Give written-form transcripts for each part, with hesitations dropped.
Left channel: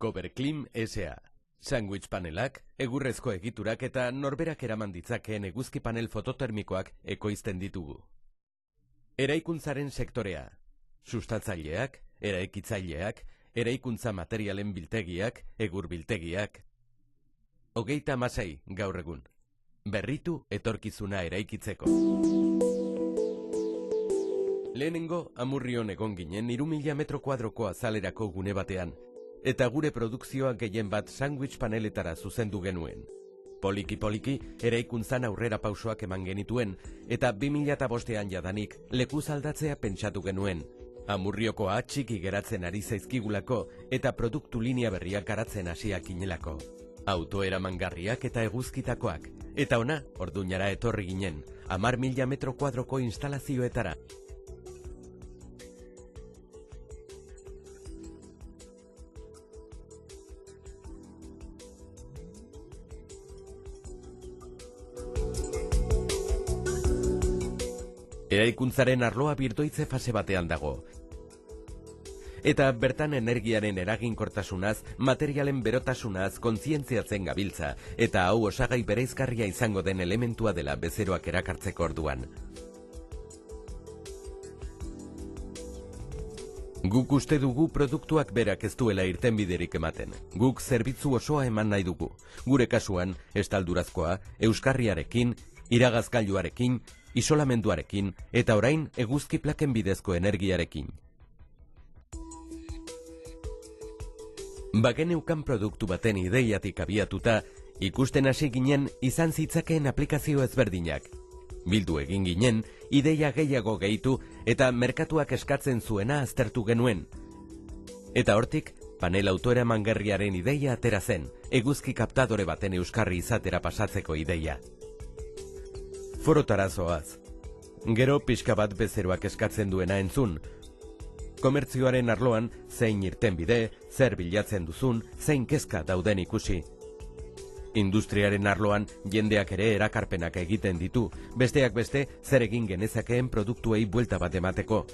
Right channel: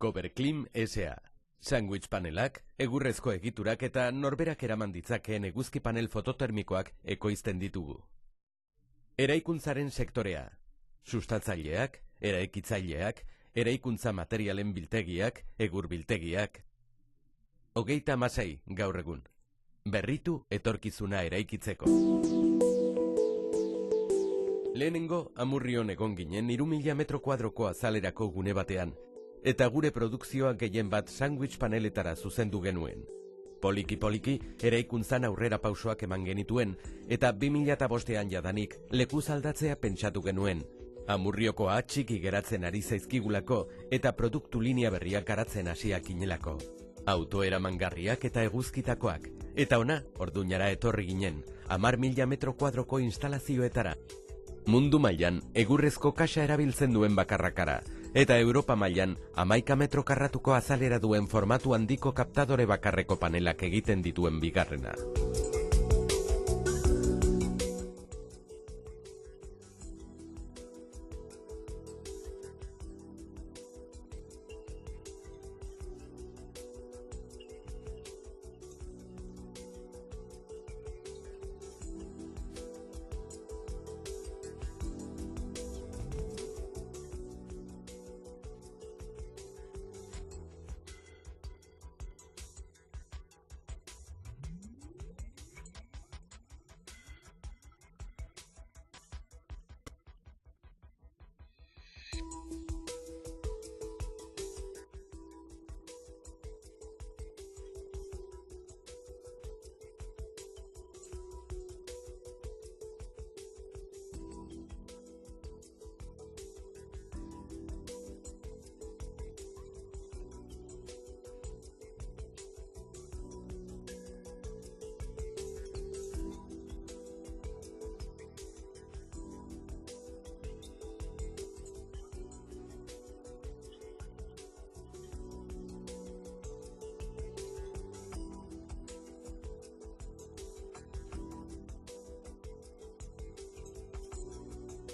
Coverclim S.A. Sandwich panelak, egurrezko egiturak eta norberak eraman ditzakeen eguzki panel fototermikoak ekoizten ditugu. Eraikuntzaren sektorea. Sustatzaileak, eraikitzaileak, eraikuntza materialen biltegiak, egur biltegiak. 36 gaur egun. Berritu etorkizuna eraikitzeko. Lehenengo, Amurrion egon ginen 3.000 metro kuadroko azalerako gune batean, eta gure produkzioa gehien bat sandwich paneletara zuzendu genuen. Poliki-poliki, eraikuntzan aurrera pausoak eman genituen, eta 2005ean jadanik lekuz aldatzea pentsatu genuen. Amurriokoa txiki geratzen ari zaizkigulako eta produktu linea berriak garatzen hasiak inelako. Auto eramangarriak eta eguzkitakoak. Eta ona, Orduñara etorri ginen, 10.000 metro kuadroko instalazioetara. Mundu mailan egurrezko kaxa erabiltzen duen bakarrakara, eta Europa mailan 11 metro karratuko azalera duen formatu handiko kaptadore bakarreko panelak egiten dituen bigarrena. Eraikuntzaren arloa birdoitze fase batean dago. Eta bertan energiaren eraginkortasunaz, materialen berotasunaz kontzientziatzen gabiltza, eta hau osagai bereizgarria izango den elementua dela bezeroak erakartzeko orduan. Guk uste dugu produktuak berak ez duela irtenbiderik ematen. Guk zerbitzu osoa eman nahi dugu. Gure kasuan, estaldurazkoa, euskarriarekin, iragazgailuarekin, isolamenduarekin, eta orain eguzki plaken bidezko energiarekin. Bageneukan produktu baten ideiatik abiatuta, ikusten hasi ginen izan zitzakeen aplikazio ezberdinak. Bildu egin ginen, ideia gehiago gehitu eta merkatuak eskatzen zuena aztertu genuen. Eta hortik, panel autoeramangarriaren ideia atera zen, eguzki kaptadore baten euskarri izatera pasatzeko ideia. Forotara zoaz. Gero pixka bat bezeroak eskatzen duena entzun. Komertzioaren arloan, zein irtenbide, zer bilatzen duzun, zein kezka dauden ikusi. Industriaren arloan jendeak ere erakarpenak egiten ditu, besteak beste zer egin genezakeen produktuei buelta bat emateko.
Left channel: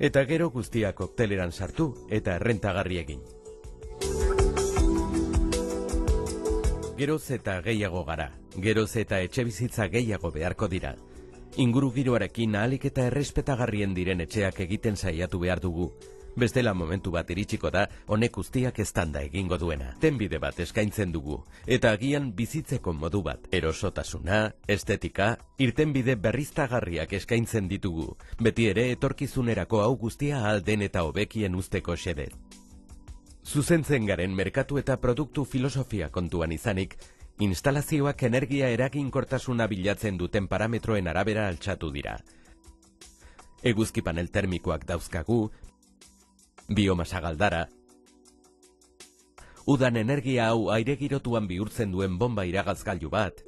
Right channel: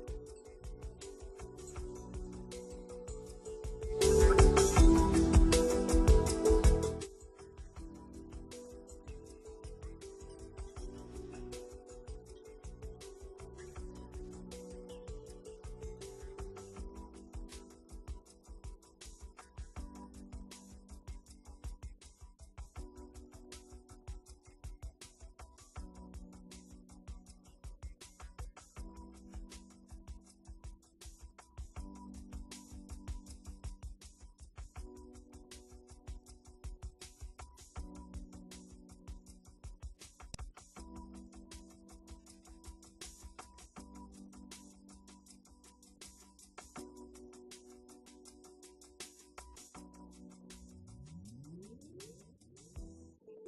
Eta gero guztia kokteleran sartu eta errentagarri egin. Geroz eta gehiago gara, geroz eta etxebizitza gehiago beharko dira. Inguru giroarekin ahalik eta errespetagarrien diren etxeak egiten saiatu behar dugu. Bestela momentu bat iritsiko da, honek guztiak eztanda egingo duena. Tenbide bat eskaintzen dugu, eta agian bizitzeko modu bat. Erosotasuna, estetika, irtenbide berriztagarriak eskaintzen ditugu. Beti ere etorkizunerako hau guztia alden eta hobekien usteko xede. Zuzentzen garen merkatu eta produktu filosofia kontuan izanik, instalazioak energia eraginkortasuna bilatzen duten parametroen arabera altxatu dira. Eguzki panel termikoak dauzkagu, biomasa galdara, udan energia hau aire girotuan bihurtzen duen bomba iragazgailu bat.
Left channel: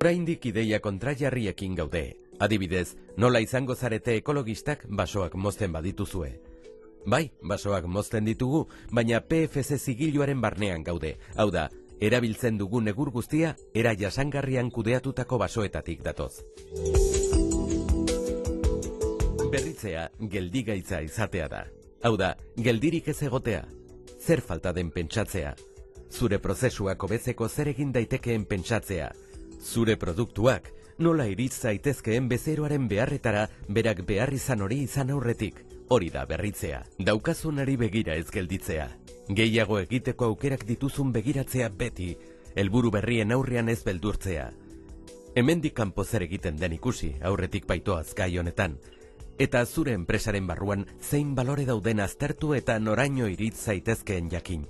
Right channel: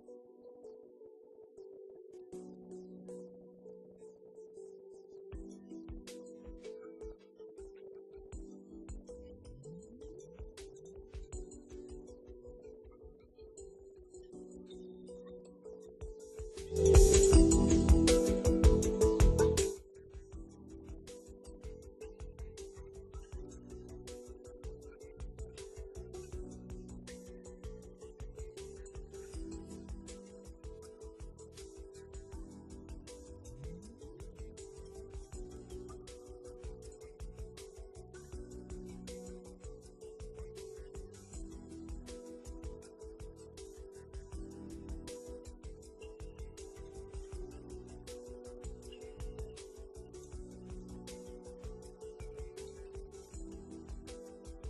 Oraindik ideia kontrajarriekin gaude. Adibidez, nola izango zarete ekologistak basoak mozten badituzue. Bai, basoak mozten ditugu, baina PFC zigiluaren barnean gaude. Hau da, erabiltzen dugun egur guztia era jasangarrian kudeatutako basoetatik datoz. Berritzea geldigaitza izatea da. Hau da, geldirik ez egotea. Zer falta den pentsatzea. Zure prozesuak hobetzeko zer egin daitekeen pentsatzea. Zure produktuak nola iritz zaitezkeen bezeroaren beharretara berak behar izan hori izan aurretik. Hori da berritzea. Daukazunari begira ez gelditzea. Gehiago egiteko aukerak dituzun begiratzea beti. Helburu berrien aurrean ez beldurtzea. Hemendik kanpo zer egiten den ikusi aurretik baitoaz gai honetan. Eta zure enpresaren barruan zein balore dauden aztertu eta noraino iritz zaitezkeen jakin.